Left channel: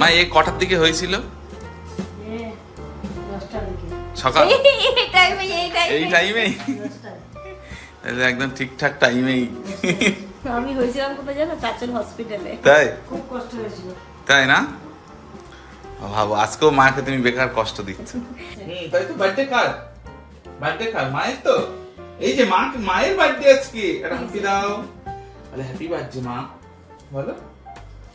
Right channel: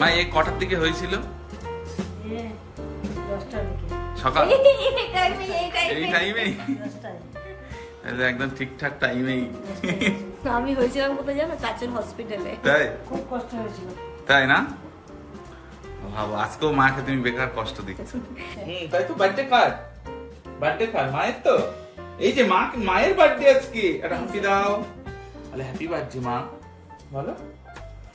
মা এই কটার দিকে হয়েছিল? সকাল এই টাইমেই একদম ঠিকঠাক টাইমেই আমি হয়েছিলাম কোথায় জানো? চাচল হসপিটালে। তাই? খুব কষ্ট হয়েছিল। তাই না? ভাবো আজকেও মাকে তুমি বেকার কষ্ট দিচ্ছ। তাই তো। বার্থডে কার? বার্থডে কার? মায়ের তো। এই যে মায়ের বার্থডে আজকে। একটা হ্যাপি দাও। আরে হ্যাপি বার্থডে মা। বলো।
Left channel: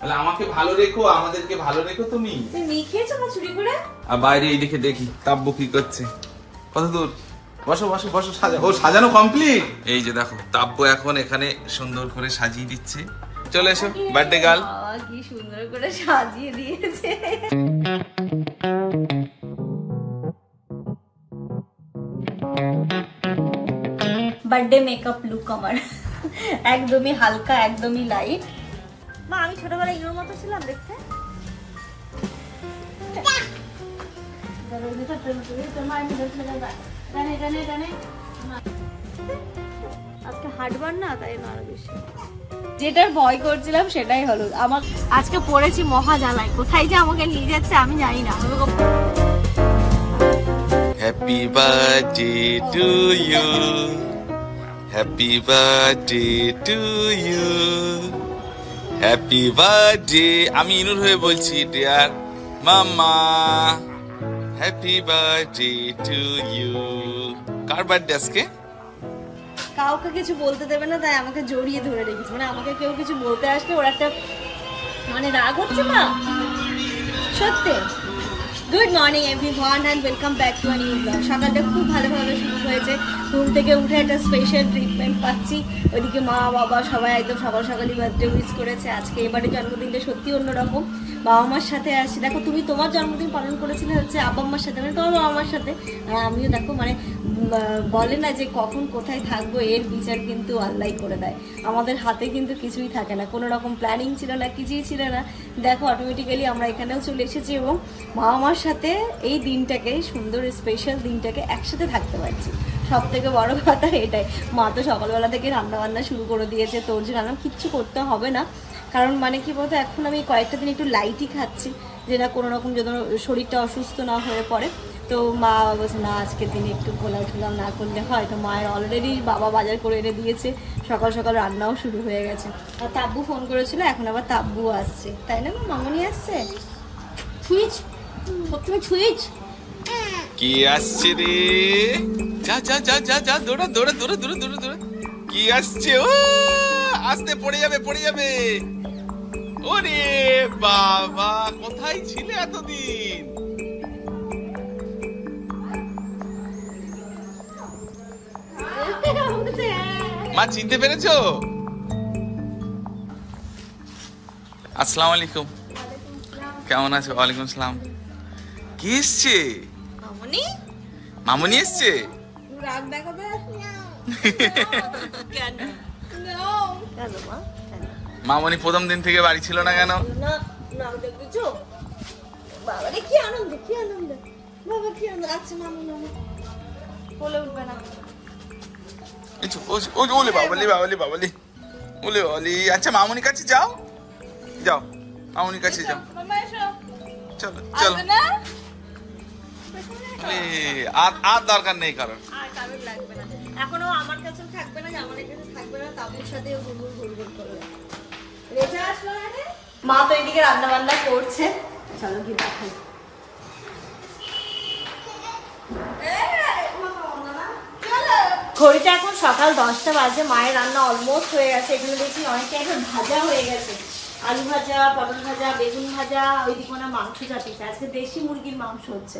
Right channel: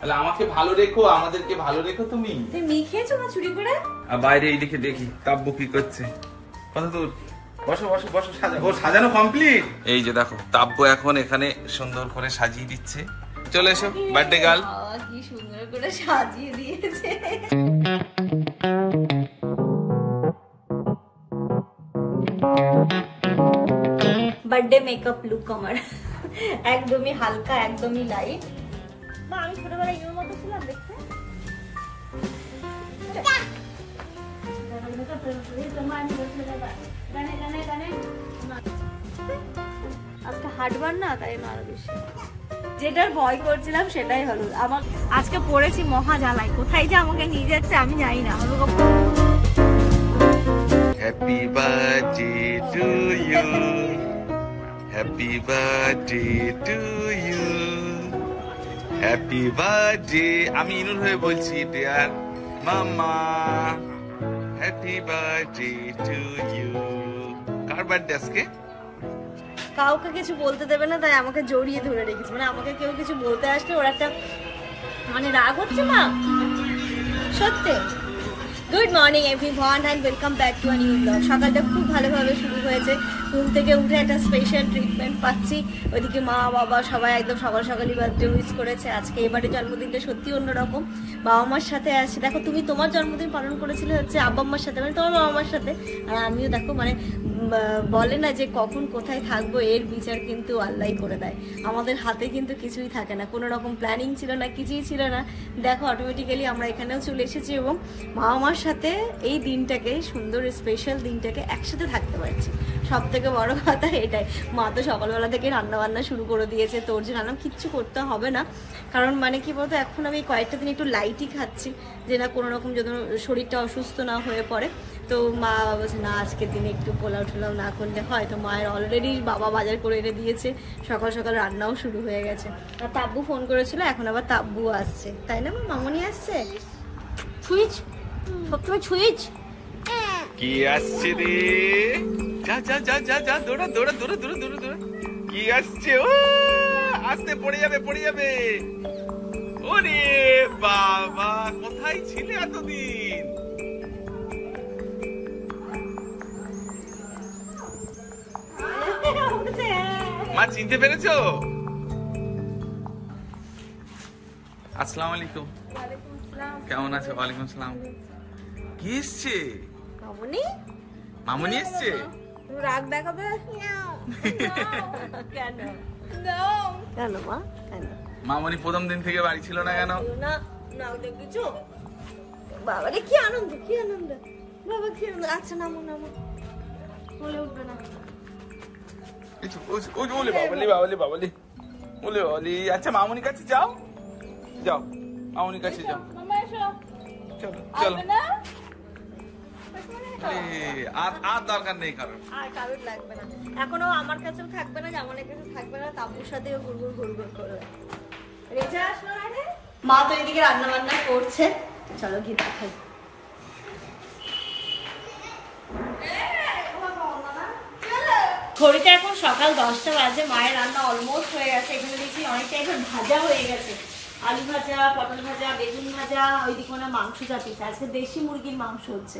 আরে আমাকে ভালো রেখো, আমাদেরকে ভালো রেখো তুমি। তুমি লিখেছো না চুরি করে? আর বাইরে এই দিকে দেখি তাব্বু কি করছে। কত দূর? বসো বসো বসো। ও সাজানো কমপ্লিট। এই যে দেখো তাব্বু এখন এখানে সুন্দর করে সাজিয়ে দিচ্ছে। চলে এসো বার্থডে গার্ল। কি সুন্দর করে সাজিয়ে দিয়েছে। বার্থডে মেকআপ লুক আমার একদমই হালকা, একদমই লাইট। মা আমি ছোটবেলায় ইউর মতো ছিলাম দেখতে। আজকে হাঁটবার না, তাই না আরো বেশি। যেটার ভয় করছিলাম সেটাই হলো। আমার আজকে পড়েছি মহা জ্বালাই। কোথায় যে আমাকে নিয়ে যাচ্ছে আমি জানি না। Happy birthday to you, happy birthday to you, happy birthday. আমি ইনুর হয়ে বলছি dear mamma, happy birthday to you. কার বার্থডে আজকে? কাউকে কিছু বলতে দেবে না, তাই আমাকে জড়িয়ে ধরে রেখেছে। মানে আমাকে কেউ কিছু বলতে আসলে ওর একটা মানে রাগ হচ্ছে না সত্যি। Good morning everyone and welcome back to a new blog. সকালটা খুব ভালোভাবে শুরু হয়েছে। ঘুম থেকে উঠে একটা স্পেশাল ট্রিটমেন্ট পাচ্ছি। ওইদিকে মা বাবা সবাই একদম সকাল সকালই বার্থডে উইশ করেছে। আজকে এবারে জন্মদিনটা সত্যি অন্যরকম। বাবা মার সাথে আসছি। দেখো তুমি তোমার জন্মদিন পালন করেছিলে হচ্ছে আব্বা মার সাথে, মানে তোমার বাবা মার সাথে। আর আমিও দেখো মানে বলে না যে কখন কোথায় থাকবো এর বিচার কিন্তু আল্লাহই করে দেয়। আমাদের হাতে কিন্তু কিছুই থাকে না, কোনো রকম প্ল্যানিং ছিল না, কিছুই ছিল না। দেখো অটোমেটিক্যালি আমরা এখানেও চলে এসেছি এবং বাবা মার সাথে এই দিনটাকে, সুন্দর স্পেশাল দিনটাকে একসাথে থাকতে পারছি। সব থেকে বড় কথা এটাই। মা তো সকালবেলা থেকে রান্না বান্না শুরু করে দিয়েছে। তোর যে রান্না কিচ্ছু করতে হবে না, কারণ মানে কি বলতো এখন আমি কয়েকটা দিন একটু লাইটই খাচ্ছি, যে না কোনো রকম যেন শরীরটা অসুস্থ না হয়ে পড়ে। তো মা বলছে না আজকের দিনে একটু পোলাও টোলাও না করলে হয়। তো মায়ের অলরেডি বাবা বাজার করে এনে দিয়েছে, সকাল সকাল রান্নাও শুরু হয়ে গেছে। আর তাব্বু ফোন করেছিল, এখন আবার তাব্বু আসছে, তাই না মামনি আসছে। সুইচ সবসময় সুইচ কি আসছে রে? যা যা যা যা যা দৌড়া দৌড়া দৌড়া দৌড়া দৌড়া দৌড়া। কি আসছে? ও আস্তে পড়ে যাবে পড়ে যাবে। ওরে বাবা, কোথায় ছিলে এতদিন? মা চিনতে পেরেছো? আসসালামু আলাইকুম। কেমন আছো? ওয়ালাইকুম আসসালাম। কি এসছে? মামনি। মামনি এসছে? রাগ দেখাবে কেন? কেন মা? মামনি প্রথম দিন থেকে বাড়ি ছিল না কেন? না না দেখছো বাবা রে কি আনন্দ, কি আনন্দ বাবা, কি আনন্দ। আচ্ছা নামো নামো, বলে উঠবে না। ওলে বাবালি বাবালি বাবালি ওলে বাবালি। আচ্ছা মামনির কাছে যাও, যাও মামনির কাছে যাও। চলো চলো। আর দরকার নেই কারণ এখনো আমার কাছেও থাকবে না, জামানের কাছে থাকবে না, তাবুর সাথেও ঘুরঘুর ঘুরঘুর করবে। রেজা আসলো না রে? মা তো এদিকে রান্না বান্না করছে, চলো কি দেখাই। ঘড়িতে এখন সকাল 10টা বাজে। মায়ের রান্না অলমোস্ট হয়ে গেছে। এখানে দেখছি অনেকটা এখন ভাজা হয়ে গেছে, আলু ভাজা, পটল ভাজা, বেগুন ভাজা, ওইদিকে মানে মাংস চাপিয়েছে। আজকে দেশি মুরগির মাংস হচ্ছে।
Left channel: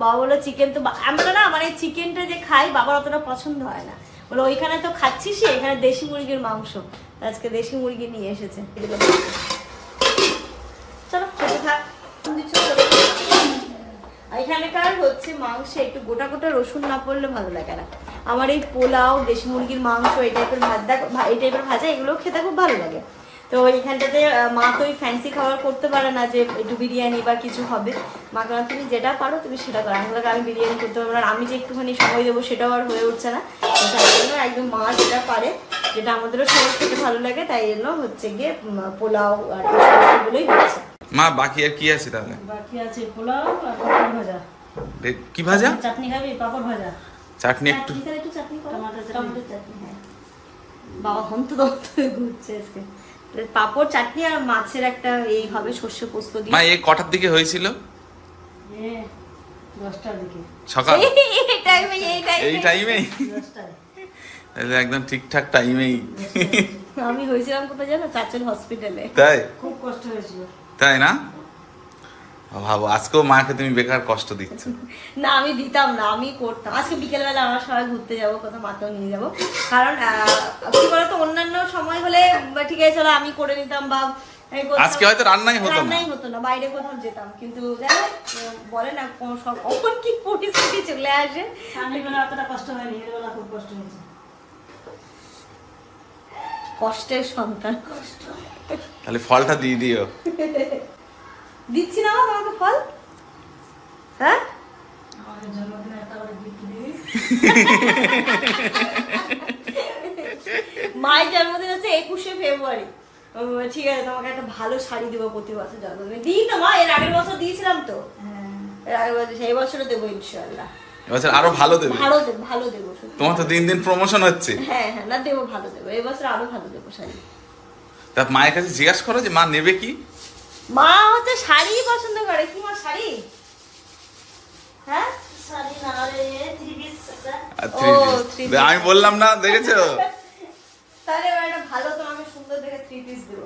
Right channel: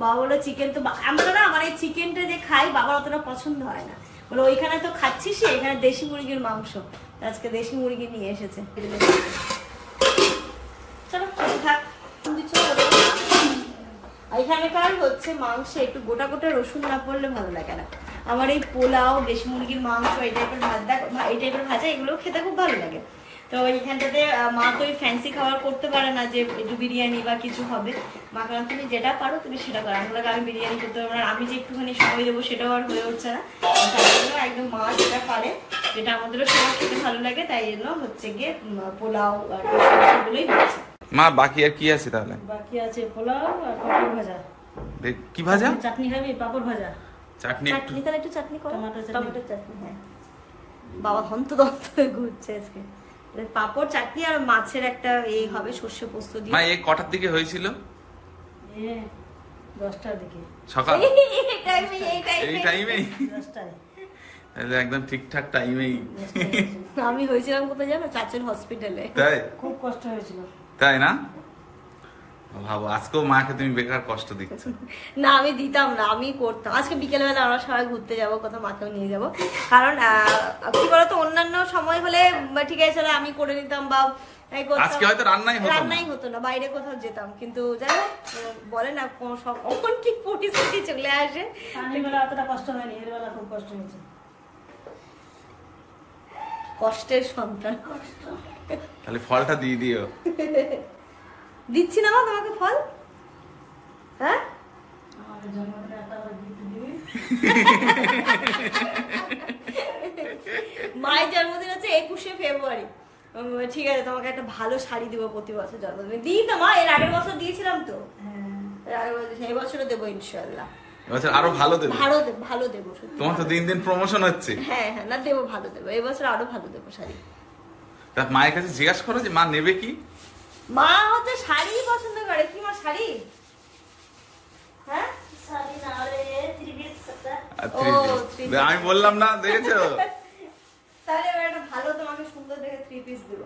বাবা বলো চিকেন তো আমরা না মানে চিকেনটা যে খাই বাবার অতটা পছন্দ হয় না, বলে ওইখানে তো খাচ্ছিস, এখানে দেশি মুরগির মাংস, আজকে দেশি মুরগি নিয়ে এসেছে। চলো খেতে থাক। এখানকার হচ্ছে মাংস একটু গোটা গোটা রসুন না পড়লে ভালো লাগে না। আমার এই পোলাও, দেশি মুরগির মাংস, এই টাইপের ভাজা এগুলো খেতে খুব ভালো লাগে। তো এইখানটাতে মা তো ওই ফ্যান্সি খাবার করতে পারে না যে একটু বিরিয়ানি বা কিছু হবে। মা কারণ তুমি যেটা পারো তুমি সেটা করো। আমি বিরিয়ানি করতে পারবো না, আমি যে একটুখানি সময় দেবো সেটাও আর হয়ে উঠছে না। তাই জন্য একদম মা যেটা পারে, যেটা আমাদেরও সবার খেতে ভালো লাগে, তাই জন্য হচ্ছে গিয়ে পোলাও আর এগুলোই হচ্ছে। মা বাকি আর কি আছে তাহলে? বাকি আছে পোলাও আর পাপড় ভাজা। কি ভাজা? চাটনি খাবি? পাপড় ভাজা। চাটনি একটু চাটনি করো, টমেটো চাটনি। হ্যাঁ বাবা হন্তদন্ত হয়ে ঘুরছে আজকে। পাপড়, চাটনি আর মাছের একটা এই হবে সর্ষে পোস্ত দিয়ে। মা এই কটার দিকে হয়েছিল? 10টার দিকে সকাল। এই টাইমেই 10টায় তাহলে একদম ঠিকঠাক টাইমেই। আমি হয়েছিলাম কোথায় জানো? চাচল হসপিটালে। তাই? খুব কষ্ট হয়েছিল। তাই না? ভাবো আজকেও মাকে তুমি বেকার কষ্ট দিচ্ছ। না আমি দিতাম না, আমি করতাম। আজকে বিকেলবেলা আমরা সবাই ঘুরতে যাবো, কোথাও মাকেও নিয়ে যাবো। কারণ কি বলতো, অন্যান্য সময় হলে ঠিক আছে চলো আমি করে নিতাম বা আজকে হয়তো রান্নাই হতো না, বাইরে কোথাও যেতাম। কিন্তু যাই হোক বলে না কখন কি পরিস্থিতি চলে আসে। অতটা কষ্ট হয়নি, এরবেলা খুব কষ্ট হয়েছে। কষ্টের সন্তান কষ্ট। তাহলে ফলটা দিয়ে দিও। দিচ্ছি না মা তোমাকে ফল। হ্যাঁ আমাদের জন্মদিনে একটা করে গিফট দিবি। মায়ের জন্মদিন হচ্ছে 21শে ফেব্রুয়ারি। ঠিক আছে তোমাকে একটা ভালো শাড়ি দিব প্রতি বছর জন্মদিনে। দিই তো মা, এর আগের বছর দিয়েছিলাম তো। সেই বছরও দেবো ইনশাআল্লাহ। এবছর আরো ভালো দেবো। ভালো দেবো। তোমার তো দিন দিন প্রমোশন হচ্ছে। হ্যাঁ হ্যাঁ না দেবো, ভালো দেবো। এই বছর আরো ভালো দেবো শাড়ি। তা মায়ের কাছে জিজ্ঞাসা করো যে মা নেবে কি। মা হচ্ছে শাড়ি পছন্দ করে। কি মা শাড়ি? হ্যাঁ শাড়ি না রে, থ্রি পিস। আমি বললাম না, দেখেছো? তাহলে একটা ভালো তোমাকে সুন্দর দেখে থ্রি পিস দেব।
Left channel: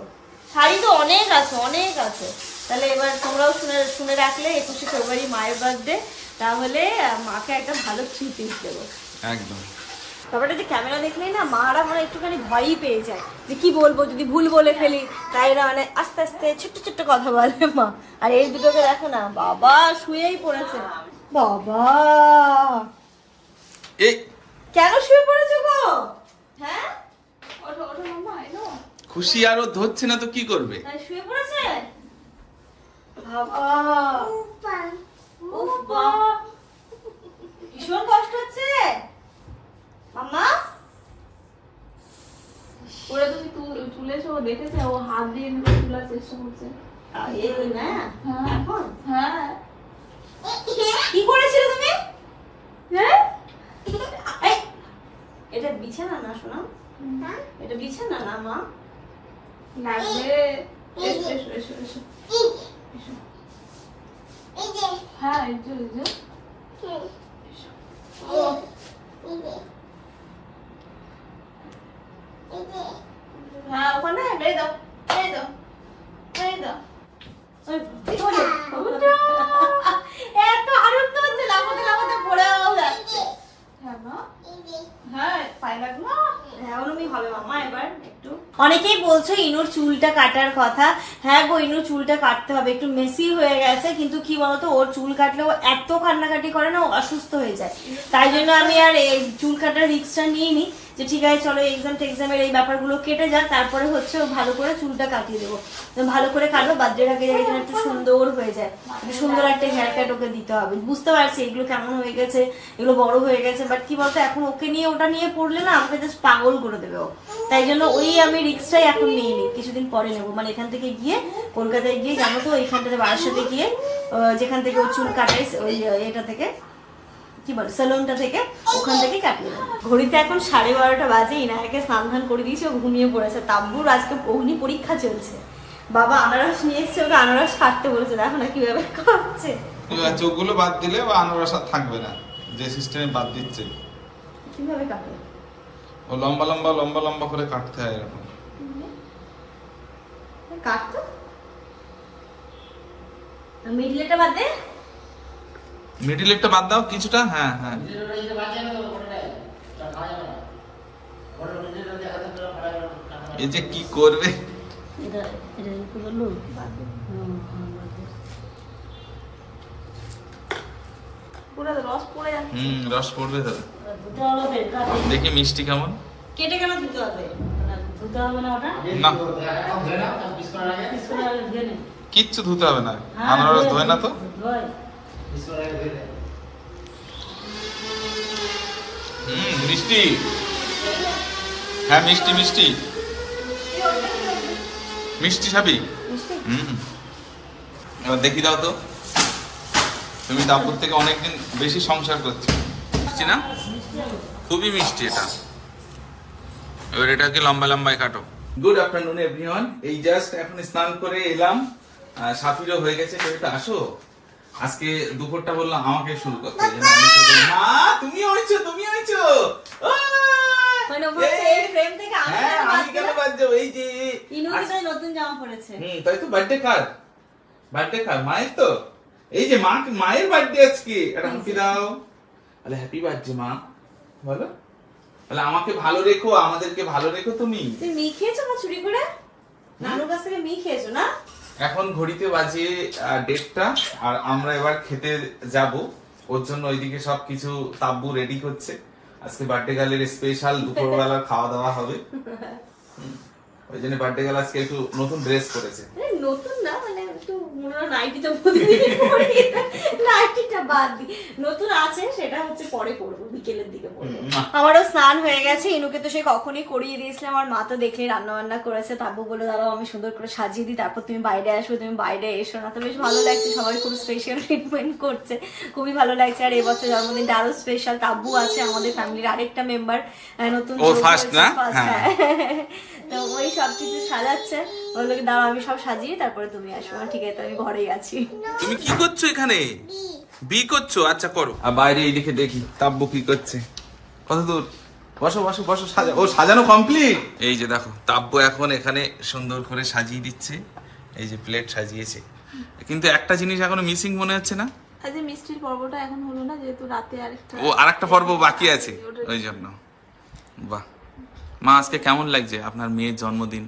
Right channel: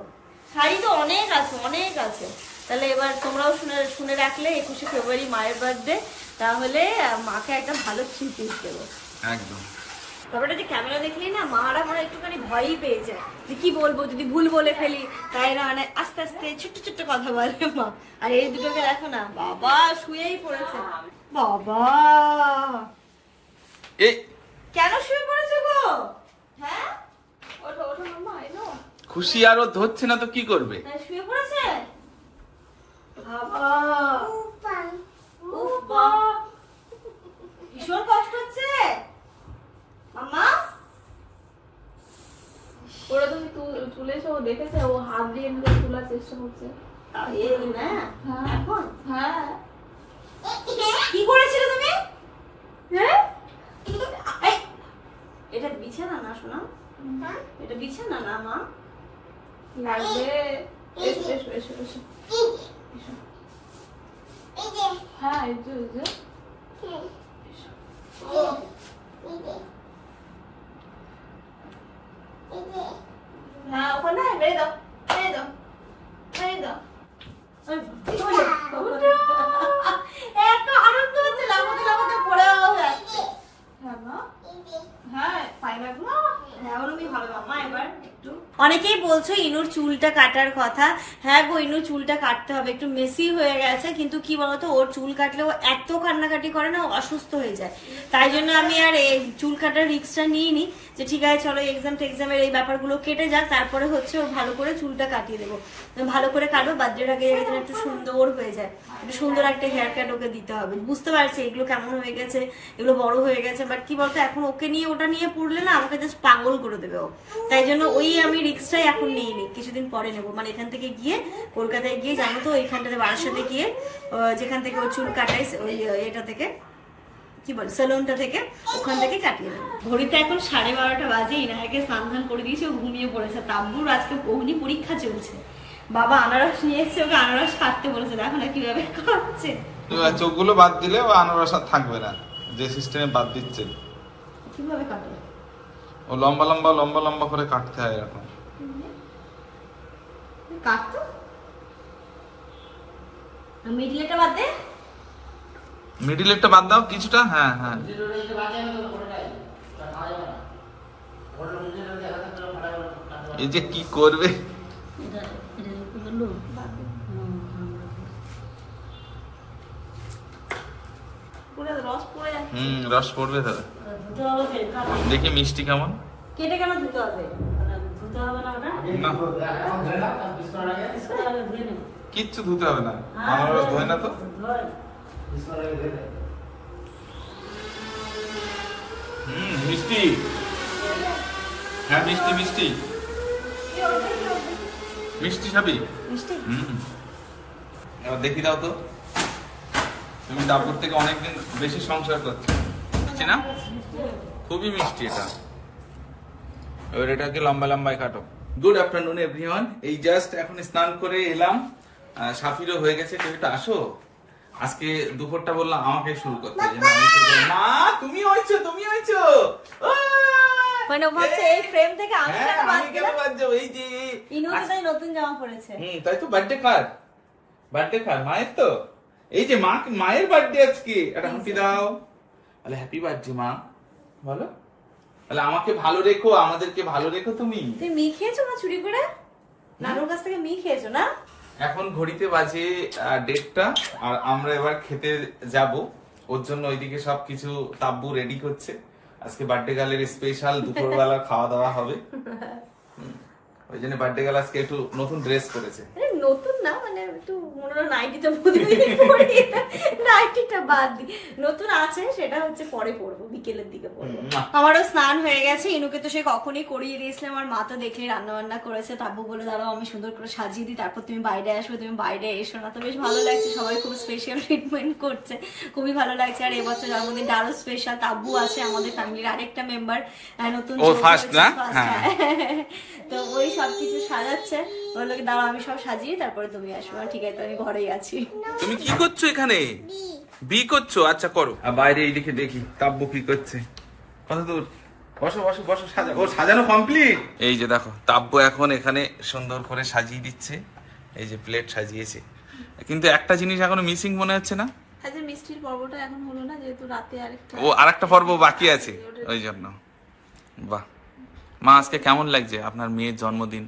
শাড়ি তো অনেক আছে, অনেক আছে। তাহলে এবার তোমরাও শুনে রাখলে 21শে ফেব্রুয়ারি মায়ের বার্থডে, তাহলে মাকে একটা ভালো থ্রি পিস দেবো একদম। তারপরে যে ক্যামেরা দেখলেই না মারা মানে একটুখানি ভয়ই পেয়ে যায় যে কি বলবো, যদি ভুল বলে ফেলি। তাই না মানে আস্তে আস্তে ছোট্ট ছোট্ট কথা বলে মা। আর এই দুটোকে দেখো না, বাবা শুয়েই পড়েছে। বাবা এই কেন শুয়ে পড়েছে গো? হ্যাঁ ওঠো ওঠো মাম্মা, এলো। খুশি আরো ধরছে না তো কি করবে? শুয়ে পড়েছে বাবা। ভীষণ কষ্ট হচ্ছে মাম্মা। ওরা তুমি তুলেছো, ও দেখেছে, ও হাত দিয়ে তোলার চেষ্টা করছে। এখন হ্যাঁ কি করেছিল তুমি? এটা বিছানা না শোনা, এটা বিছানা না মা। লাগবে। এসো এসো এসো এসো। হ্যাঁ এসো এসো। হ্যাঁ ওখানে বেড়ে দাও, বেড়ে দাও, বেড়ে দাও। এত আনন্দ হচ্ছে, লাফাতে লাফাতে পড়েও যাচ্ছে। হ্যাঁ মা। হ্যাঁ পায়ে লাগলো। এমনই হবে মামা এবার একটু। অনেকেই বলছো ইনুর চুলটা কাটার কথা। হ্যাঁ গো, ইনুর চুলটা কাটতে হবে, একটু মেসি হয়ে গেছে। কিন্তু কি বলতো, ওর চুল কাটলে ও এত কান্নাকাটি করে না, ও অসুস্থ হয়ে যায়। তাই জন্য আমি আর এই চুল কাটার রিস্কটা নিইনি যে ঠিক আছে চলো এক্সামের এই ব্যাপারগুলো কেটে যাক, তারপরে হচ্ছে ও ভালো করে চুলটা কাটিয়ে দেবো। ভালো করে কাটবো, বার্থডের আগে যেন একটু সুন্দর হয়ে যায়, একটু সুন্দর একটা হেয়ার কাট ওকে দিতে হবে। বুঝতে পারছি এগুলো কেমন হয়ে গেছে, এগুলো বড় হয়ে গেছে, বাট কি বলতো এখন ওকে নিয়ে ওটা নিয়ে পড়লে না আমাকে জাস্ট পাগল করে দেবে ও। তাই জন্য ওই আমি রিস্কটাই এখন নিইনি, কিছুদিন পরে নেবো। মানে এখান থেকে গিয়ে কলকাতায় গিয়ে জানো তো এইখানটাতে বারাসাতে গিয়ে যেখান থেকে ও চুল কাটাই, ওই এটা থেকে কি বল সেলুনটা থেকে, ওখান থেকে কাটিয়ে দেবো। ঘড়িতে এখন 12:30 বাজে। ইনাকে স্নান ধান করে দিয়েছে, ও ঘুমিয়ে পড়েছে। তাব্বুর আজকে অগ্নি পরীক্ষা চলছে। বাবা আনারস নিয়ে এসছে, ওকে আনারস কাটতে বলেছে, দেখো না কিভাবে খাচ্ছে। চোখগুলো বাদ দিলে ও আনারস আর থাকবে না, যে সিস্টেমে বাদ দিচ্ছে। কিভাবে কাটে? ও লম্বা লম্বা লম্বা লম্বা করে কাটতে হয় এরকম। কাটতো মিডলেটা বাদ দে, মিডিল একটা বাদ দাও কিছুটা। হ্যাঁ হ্যাঁ এই যে কি করবে রস পড়ে যাচ্ছে। রস পড়বে তবে। দেখি মিষ্টি কেমন। কেটে কেন ধুতে হবে? ধুতে হবে না ওটা না, কিচ্ছু ধুতে হবে না, আনারস ধোয় না তো। মিষ্টি। হ্যাঁ মিষ্টি মিষ্টি মিষ্টি খাবি? এবার দেখি দাও তো, তুমি তারপর থেকে অনেকদিন বেশি সংসার করছো, বুঝছি না? খুবই মিষ্টি এটা। এবার এটাকে লম্বা লম্বায় কাটো। Good afternoon everyone. এই জাস্ট এখন স্নান করে এলাম, সাফিরও হয়ে গেছে। তো এটা আসো, আজকে দুপুরটা বললাম আমাকে শুরু করতে, মা তুমি হয়েছো, তুমি হয়েছো। মানে এই ফ্রেম থেকে আমি কেন বাদ যাবো? এই যে নতুন জামা পরেছে। তাই তো। বার্থডে কার? বার্থডে কার? মায়ের তো। এই যে মায়ের বার্থডে আজকে, একটা হ্যাপি দাও। আরে হ্যাপি বার্থডে মা, বলো। তাহলে আমাকে ভালো রেখো, আমাদেরকে ভালো রেখো। তুমি মি খেয়েছো না চুরি করে? নানুর কাছ থেকে মি খেয়েছো না? এখন ঘড়িতে বাজে 1:30টা, আর আমরা এবার খেতে যাব। ওর জন্য ওইদিকে সবকিছু তাব্বু রেডি করছে। আজকে বার্থডে গার্লের স্পেশাল দুপুরবেলা খাওয়া দাওয়া হবে। ওই জন্য বার্থডে গার্ল আজকে একটু নতুন ড্রেস করেছে। নতুন না, মানে একটু নাইটিটা প্রতিদিন পরি, নাইটিটা বাদ দি। নতুন আছে, সেটা হচ্ছে পরে পরবো, বিকেলের দিকে পরবো। আমারও স্নান হয়ে গেছে। ইনুকে তো সে কখনই করিয়ে দিয়েছিলাম। আর মা তো দেখলে রান্না বান্না করেছে। তাব্বু বলে দাঁড়াও আমি সুন্দর করে সাজিয়ে দিই, তারপর তুমি বাইরে আসবে। তুমি বাইরে এসো না। তো বেশ ভালো লাগছে, সবাই খুব স্পেশাল ট্রিটমেন্ট করছে, খুবই ভালো লাগছে। আর এবছর জন্মদিনটা আরো স্পেশাল। তাব্বু আছে আমাদের ফ্যামিলির আরেকটা মেম্বার, নতুন, ও ফার্স্ট না? তো ওই সবকিছু সাজাচ্ছে। বললো কি দাঁড়াও আমি সব সাজিয়ে তারপরে তুমি আসবে। ঠিক আছে, আমি ঘরেই আছি। তুমি কি করছো এখানে? বি করছো? আচ্ছা করো। আর বাইরে এইদিকে দেখি তাব্বু কি করছে। কত দূর? বসো বসো বসো। ও সাজানো কমপ্লিট। এই যে দেখো তাব্বু এখন এখানে সুন্দর করে সাজিয়ে দিচ্ছে। এই যে প্লেট সাজিয়েছে, কিন্তু একটা জিনিস এখনো মিসিং মনে হচ্ছে না? আজ মিষ্টির পর্বটা এখন হলো না, যেহেতু রাতে আরেকটা পর্ব বাকি আছে, ওই জন্য। বাহ মা, আজকে কেমন লাগছে আপনার মেয়ের জন্মদিন?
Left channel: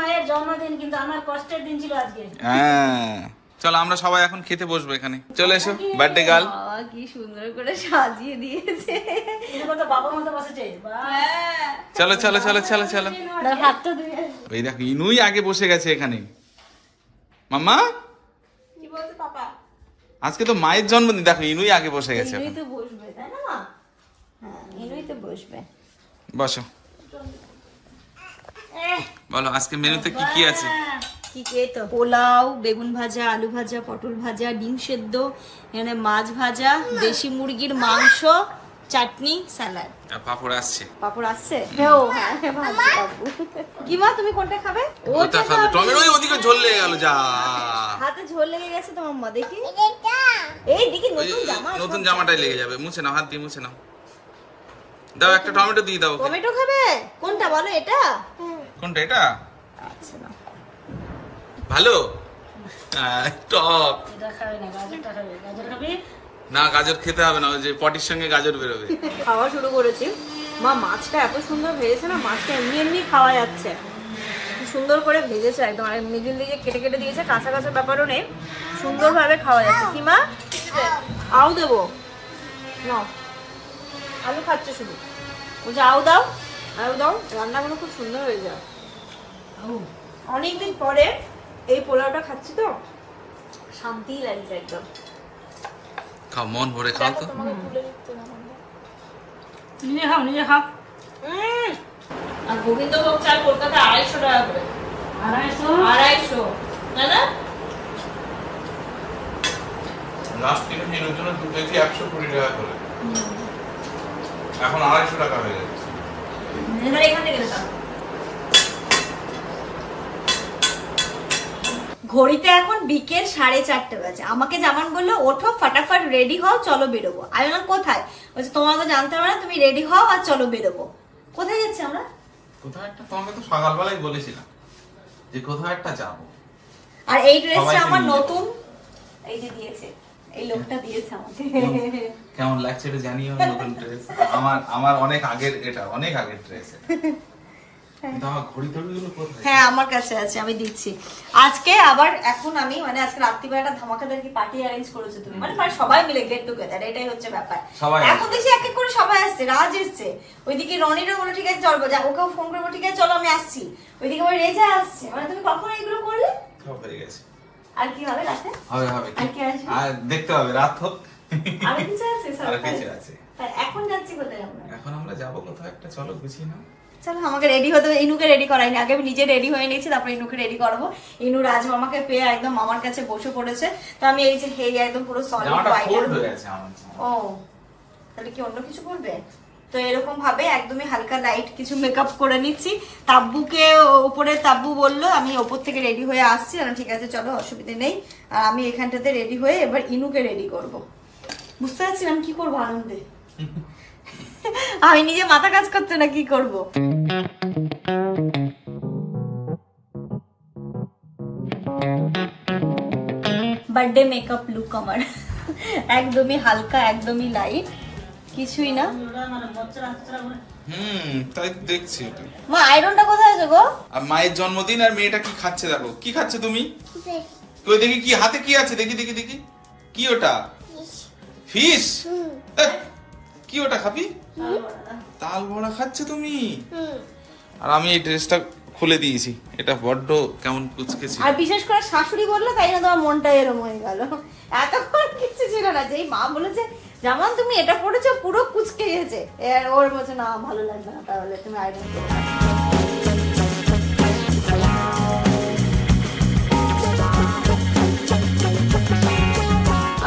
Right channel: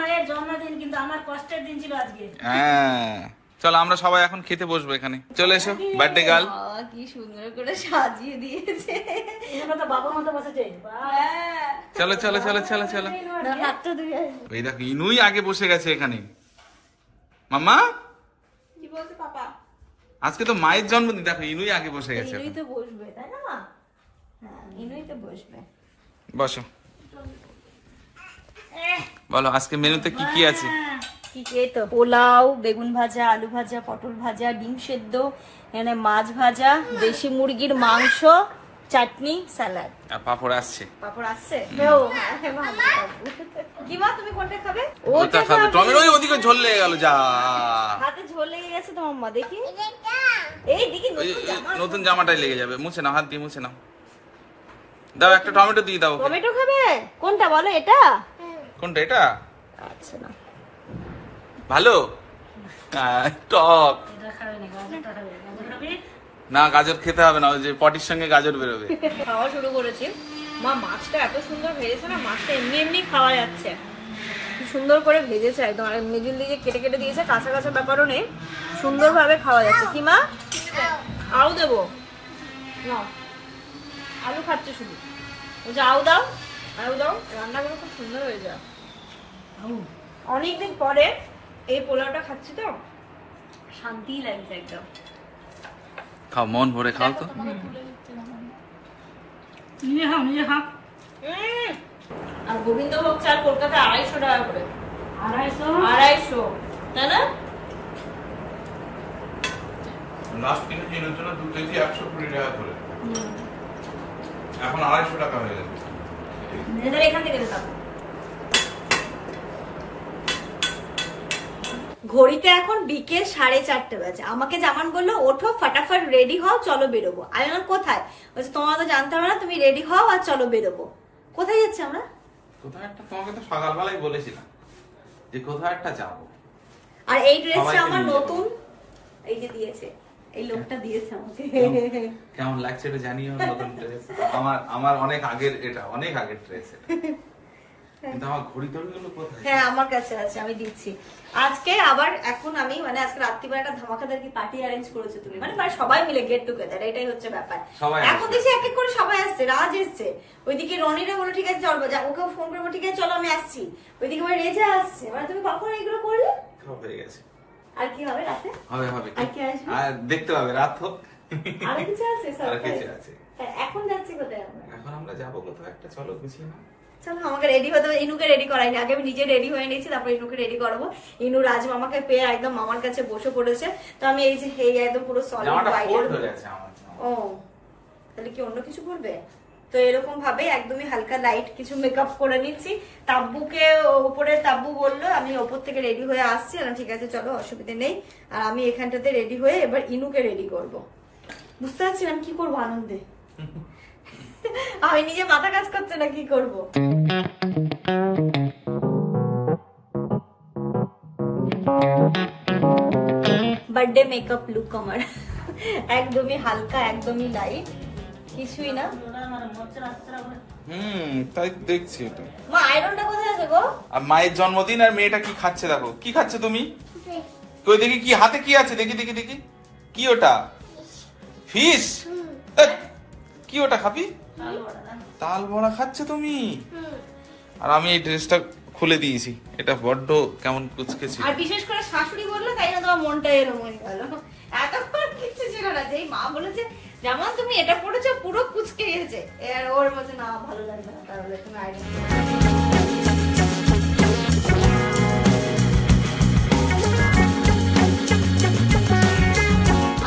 মায়ের জন্মদিন, কিন্তু আমার কষ্টের দিন ছিল আজকে। হ্যাঁ, চলো আমরা সবাই এখন খেতে বসবো এখানে। চলে এসো বার্থডে গার্ল। কি সুন্দর করে সাজিয়ে দিয়েছে, বাবার মতো বসেছে। চলো চলো চলো চলো চলো। এই দেখো ইনুই আগে বসে গেছে এখানে। মাম্মা কি বলছে পাপা? আজকে তো মায়ের জন্মদিন, দেখো ইনুই আগে বসে গেছে। ইনুই তো বসবে, তাই না মা? হ্যাঁ, ইনুই তো বসবে। বসো, বলো আজকে মেনুতে কি কি আছে? কি কি? তো পোলাও, বেগুন ভাজা, আলু ভাজা, পটল ভাজা, ডিম সেদ্ধ, এখানে মাছ ভাজা, দেশি মুরগির মাংস, চাটনি, স্যালাড। আর পাপড় আসছে। পাপড় আসছে? কি মা তুমি কোনটা খাবে? ওটা খাবে। টমেটো ওইদিকে ঝোল লেগে গেল। যা, হাতে ঝোল লেগে গেছে তো মাম্মা। দেখি এই দেখি নতুন জামাটাই লেগে যাবে। মুছে নাও, হাত দিয়ে মুছে নাও। দাও একটা টমেটো দিয়ে দাও। টমেটো খাবে? কোনটা বলো? এটা? কোনটা? এটা আচ্ছা ভালো। টক না, গাজর খেতে হবে না, ওই যে পটির সঙ্গে গাজর বেরোবে। খাওয়া শুরু করেছি। মা মাছটা এত সুন্দর ভেজেছে না, মাছটা এমনি এমনি খাওয়া যাচ্ছে। সুন্দর করে ভেজেছে একদম, আর মিডিল দিকে কেটে কেটে দিয়েছে, কাঁচা কাঁচা ব্যাপারও নেই, সুন্দরভাবে খাওয়া যাচ্ছে। কি মা আউ দেবো? না, আলু খাচ্ছে শুধু। বলছে আউ দাও, আউ দাও। রান্নাগুলো খুব সুন্দর হয়ে যায়। অনেকদিন পরে এই পোলাওটা খাচ্ছি তো শান্তিই লাগছে একদম। খাও, মন ভরে খাও তো। নিজে খাও, নিজে খাও। আর গোবিন্দভোগ চাল কলকাতা 250 টাকা করে। 250 তাই না? লাস্ট 3 দিন হচ্ছে না, 2 কেজি 120 টাকা করে। এখন 250 টাকা হয়ে গেছে। এখানে এখান থেকে নিতাম। ঘড়িতে এখন বিকেল 4:30 বাজে। আমাকে জামান বললো ওঠো ফাটাফাট রেডি হও, চলো বেরোবো। আমি বললাম কোথায়? বলছে তোমার তো জানতে হবে না, তুমি রেডি হও আর চলো বেরোবো। কোথায় যাচ্ছি আমরা? কোথাও একটা, তোমাকে তো সকালবেলায় বলেছিলাম যে কোথাও একটা যাবো। আর এই ড্রেসটা আমার নতুন, এই যে দিয়েছে, এই লোকটা দিয়েছে আমাকে। কেমন লাগছে এটা জানিও। নতুন ড্রেস আমার অনেক আগের, এটা অনেক আগের ড্রেস। কিন্তু আমার ঘড়ি টড়িগুলো কোথায়? হ্যাঁ আমার কাছে আছে, আমি দিচ্ছি। আজকে আবার এখন আমি মানে আজকে রাত্রিবেলা একটা ধামাকাদার কি পার্টি অ্যারেঞ্জ করেছো তুমি, মানে সবাই মিলে গেট টুগেদার, এটাই হচ্ছে ব্যাপার। এখন দেখি এক এক করে সবাই আসছে। রাজ এসছে, ওইদিকে রনিরও বলো ঠিক আছে চলবো, যা ওকেও ফোন করবো ঠিক আছে চলো আমি আসছি। ওইদিকে আবার রেজা আসছে। মানে তুমি কখন এইগুলো করলে? সব হয়ে গেছে। আর কি হবে রাতে? হবে হবে, আর কি আসবে? আর দেখতে হবে, রাত হোক। আর কিছু আছে? আর কিছু আছে। এখন যাচ্ছি কোথায় আমরা? এখন আমরা যাবো কোথাও একটা, চলো গুছিয়ে নাও। চলো আমাকে রেডি হতে হবে। ইনুকে রেডি করাইনি, আগে আমি নিজে রেডি হয়ে নিয়েছি, তারপর ইনুকে রেডি করাবো। ইনু রাজ মামাকে পেয়ে একদম মামার কাছে বসে পড়েছে। তো আমি এই যে একদম পুরো সলিড হোয়াইট। ও তাহলে কি অন্য কিছু করবে? তো এরকম ভাবে একদমই হালকা লাইট কিছু মেকআপ করে নিচ্ছি। তাব্বুকে উপরে, তাব্বু বললো আমি ওপর থেকে রেডি হয়ে আসছি। ঠিক আছে চলো, অসুবিধা নেই। আর আমি এখানটাতে রেডি হয়ে এবার ইনুকে রেডি করব। বুঝতে পারছি আমি কি করবো আনন্দে। আমি নিজে মাথা কাজ করতে না কি করব। বার্থডে মেকআপ লুক আমার একদমই হালকা, একদমই লাইট, কিছুই না। তাই দেখছি এটা। মা আয়রনটা কোথায় আছে গো? আর মায়ের জন্মদিন আর মেয়েটা কি খাচ্ছে দেখো। কি খাচ্ছে তুমি? কই দেখি, কি হাতে কি আছে দেখি দেখি দেখি। কি ওটা? ফিশ? কি ওটা খাবি? তাল বড়া খাচ্ছে তুমি? আর আমি এই ড্রেসটা খুলে দিয়েছি, এটা বড্ড কেমন কুচকে ছিল। আর বিশেষ করে শাশুড়ি বললো তাই না তোমার মনটা এরকম হয়ে গেল। এতক্ষণ কিছু ছিল না, যেই মা বলেছে যেমন তুমি এটা পড়েছো পুরো কুচকে গেছে, ওর বলছে না ভালো লাগবে না, তাহলে তুমি আইরন করো।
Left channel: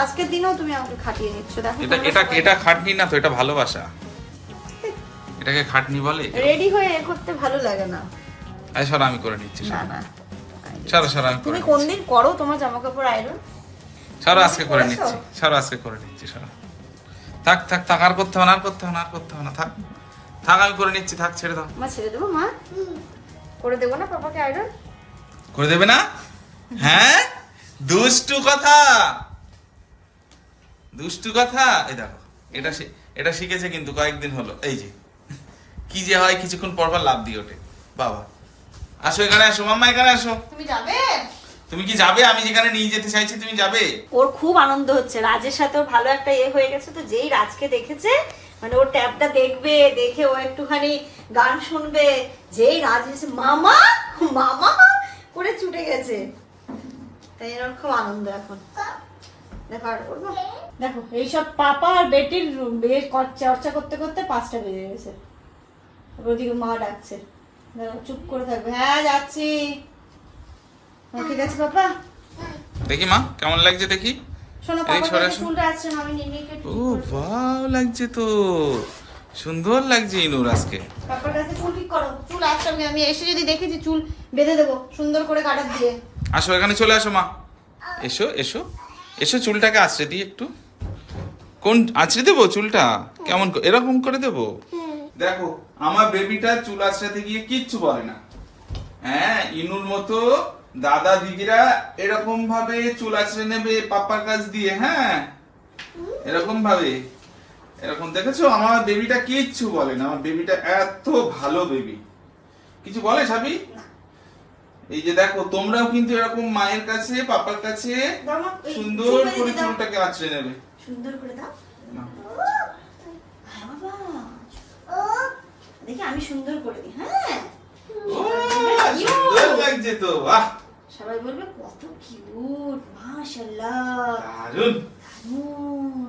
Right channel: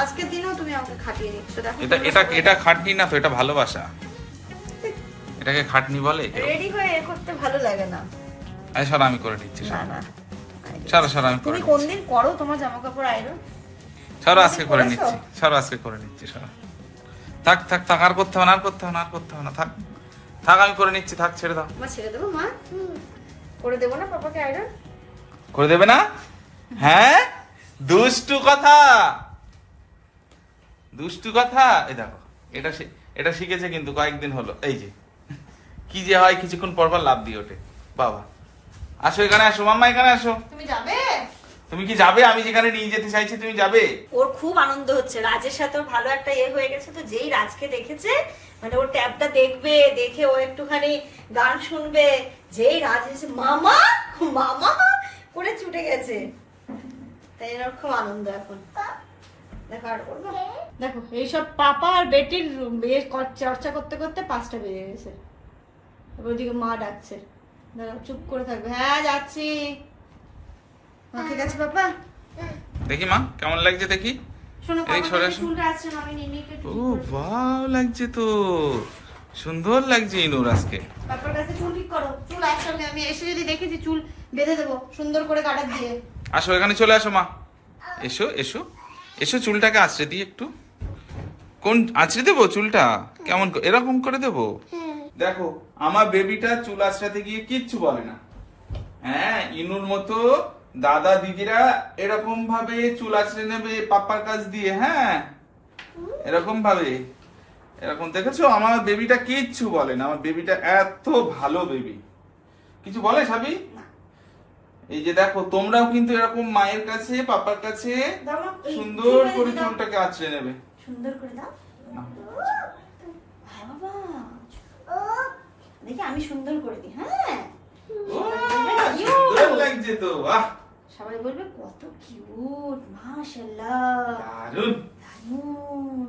আজকের দিনও তুমি আমাকে খাটিয়ে নিচ্ছ। এটা খাটনি না তো, এটা ভালোবাসা। এটাকে খাটনি বলে? রেডি হয়ে করতে ভালো লাগে না। আই সর আমি করে নিচ্ছি। না না সর আমি করে। তুমি কোনদিন করো তোমার জামা কাপড় আয়রন? সর আজকে করে নিচ্ছি, সর আজকে করে নিচ্ছি। সর থাক থাক থাক, আর করতে হবে না, আর করতে হবে না, আর করতে হবে না। থাক থাক আমি করে নিচ্ছি, থাক ছেড়ে দাও। মা ছেড়ে দেবো? মা করে দেবো না পাপাকে আয়রন? করে দেবে না? হ্যাঁ দুষ্টু কথা, দুষ্টু কথা। এই দেখো এটা শিখেছে কিন্তু কয়েকদিন হলো। এই যে কি যে হয়, কিছুক্ষণ পর পর লাভ দিয়ে ওঠে। বাবা আসো, এখানে আসো মাম্মা, এখানে আসো। তুমি যাবে? তুমি কি যাবে? আমি যেখানে নিয়ে যেতে চাইছি তুমি যাবে? ওর খুব আনন্দ হচ্ছে, রাজের সাথে ওর ভালো একটা হয়ে গেছে। তো যেই রাজকে দেখেছে, মানে ওর ট্যাবটা দেখবে, দেখে ও একটুখানি গান শুনবে, যেই রাজ এসে মামা মামা করে ছুটে গেছে। তাই ওর খুব আনন্দ এখন। দেখো আর করবো, দেখো এইসব পাপা আর বেটির চর্চা করতে করতে 5টা বেজে গেছে। ওইদিকে মা ডাকছে, চুপ করে থাকবে। হ্যাঁ যাচ্ছি। ঠিক আছে পাপা। দেখি মা কেমন লাগছে দেখি। শোনো ও ওয়াও লাগছে তো, সুন্দর লাগছে ইনুর আজকে। পাপার কাছে চুল ঠিক করো। চুল একসঙ্গে আমি এসে যদি দেখেছি চুল বেঁধে দেবো সুন্দর করে কাটা দিয়ে। আসো এখানে চলে আসো মা, এসো এসো এসো। চুলটাকে আঁচড়ে দিই একটু। কোন আঁচড়ে দেবো চুলটা? কেমন এরকম করে দেবো? দেখো আমার বেবিটা চুল আঁচড়াতে গিয়ে কিচ্ছু বলে না। হ্যাঁ ইনুর মতো দাদা দিদিরা এরকম ভাবে চুল আঁচড়ে নেবে পাপার কাছ দিয়ে। হ্যাঁ এরকম ভাবে, এরকম দেখেছো? আমার বেবিটা কিচ্ছু বলে না। আমার বেবিটা এত ভালো বেবি, কিছু বলে সাবি? এই যে দেখো তোমরাও কিন্তু এরকম মায়ের কাছে পাপার কাছে সুন্দর করে চুলটাকে আঁচড়ে নেবে। সুন্দর করে দাও। হ্যাঁ বাবা দেখি আমি সুন্দর করে দিই। হ্যাঁ সুন্দর লাগছে তো, বাহ। সবাই বলবে কত কিউট, মাশাআল্লাহ দারুন দারুন।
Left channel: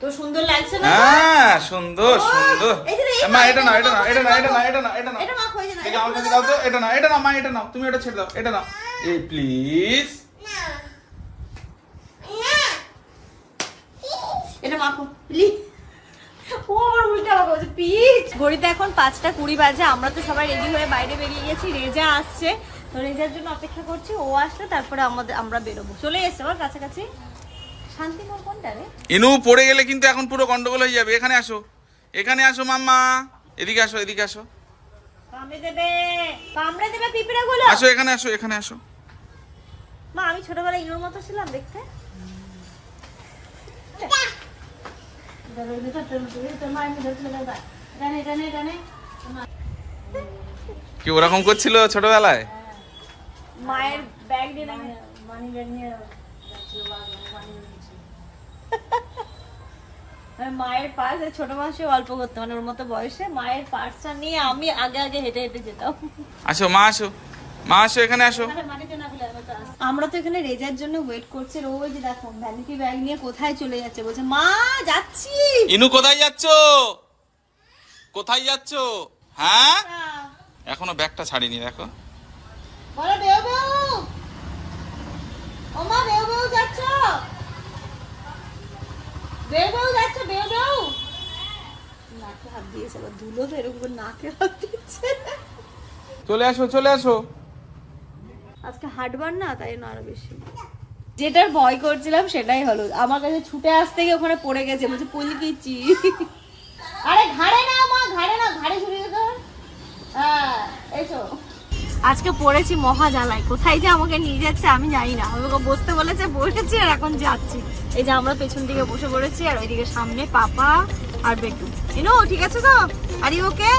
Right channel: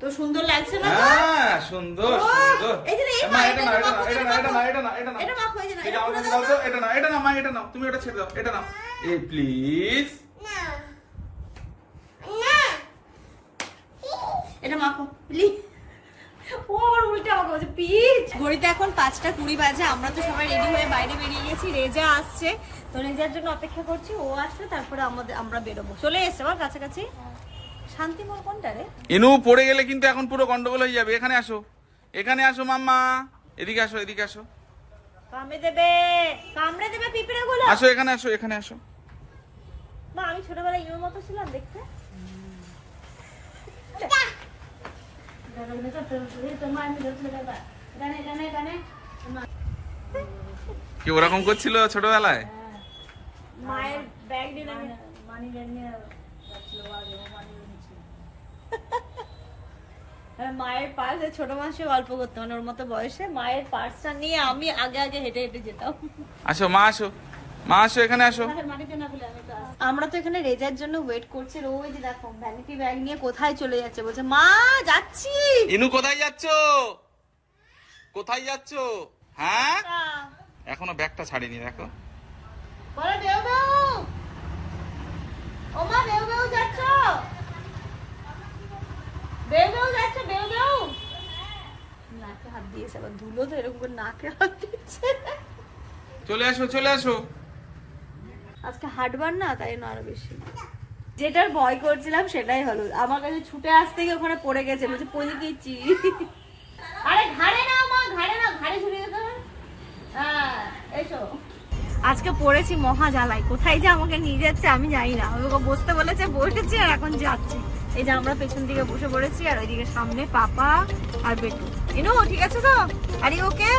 তো সুন্দর লাগছে না? হ্যাঁ সুন্দর সুন্দর। মা এটা না, এটা না, এটা না, এটা না, এটা না, এটা না। এটা মা কই না? এটা আমাকে দাও তো। এটা না, এটা না মা, এটা নাও তুমি। এটা ছেড়ে দাও, এটা নাও। এই প্লিজ না না এটা মাখো প্লিজ। ও আমার উল্টা আমাকে বলছে প্লিজ। ঘড়িতে এখন 5টা 20 বাজে। আমরা তো সবাই রেডি হয়ে বাইরে বেরিয়ে গেছি। রেজা আসছে, তো রেজার জন্য অপেক্ষা করছি। ও আসলে তারপরে আমরা বেরোবো। চলে এসছে আমার কাছাকাছি। শান্তিমোড় কোনটা রে? ইনু পড়ে গেলে কিন্তু এখন পুরো গন্ডগোল হয়ে যাবে। এখানে আসো, এখানে আসো মাম্মা, এদিকে আসো, এদিকে আসো। কামড়ে দেবে পিঁপড়ে গুলো। আসো এখানে আসো, এখানে আসো। মা আমি ছোটবেলায় ইনুর মতো ছিলাম দেখতে। কি ওরকম করছিল ছোটবেলায়? মায়ের ব্যাগ দিয়ে মায়ের পার্স ছোট মাসে অল্প করতে, মানে ওর মতো বয়সে মায়ের পার্সটা নিয়ে আমি আগে আগে হেঁটে হেঁটে যেতাম। আসো মা, আসো মা, আসো এখানে আসো। আমরা তো এখানে রেজার জন্য ওয়েট করছি। রোজ দেখো ভ্যানিটি ব্যাগ নিয়ে কোথায় চলে যাচ্ছে, বলছে মা যাচ্ছি। ইনু কোথায় যাচ্ছো? কোথায় যাচ্ছো? হ্যাঁ এখনো ব্যাগটা ছাড়িনি দেখো। বলো বেউ বেউ, ও মা বেউ বেউ যাচ্ছ, বেউ বেউ যাচ্ছ, বেউ বেউ। নাকে হাত দিয়েছে আবার, ধুলো তো এরকম করে নাকে হাত দিচ্ছে। চলে আসো চলে আসো। আজকে হাটবার না, তাই না আরো বেশি। যেটার ভয় করছিলাম সেটাই হলো, আমার কাছে ছুটে আসতে গিয়ে ওখানে পড়ে গেছে, বলছি পলিকিচি। আরে ঘাড়ে না মা, ঘাড়ে না, ঘাড়ে ছুটে যেতে। হ্যাঁ এসো। আজকে পড়েছি মহা জ্বালাই, কোথায় যে আমাকে নিয়ে যাচ্ছে আমি জানি না। আমাকে বসতে বলেছে, বসেছি আর এখন যাচ্ছি। এই যে আমরা পেছন দিকে বসে পড়েছি আর ওইদিকে সামনে পাপা আর বেটু। এনো ঠিক আছে তো? Are you okay?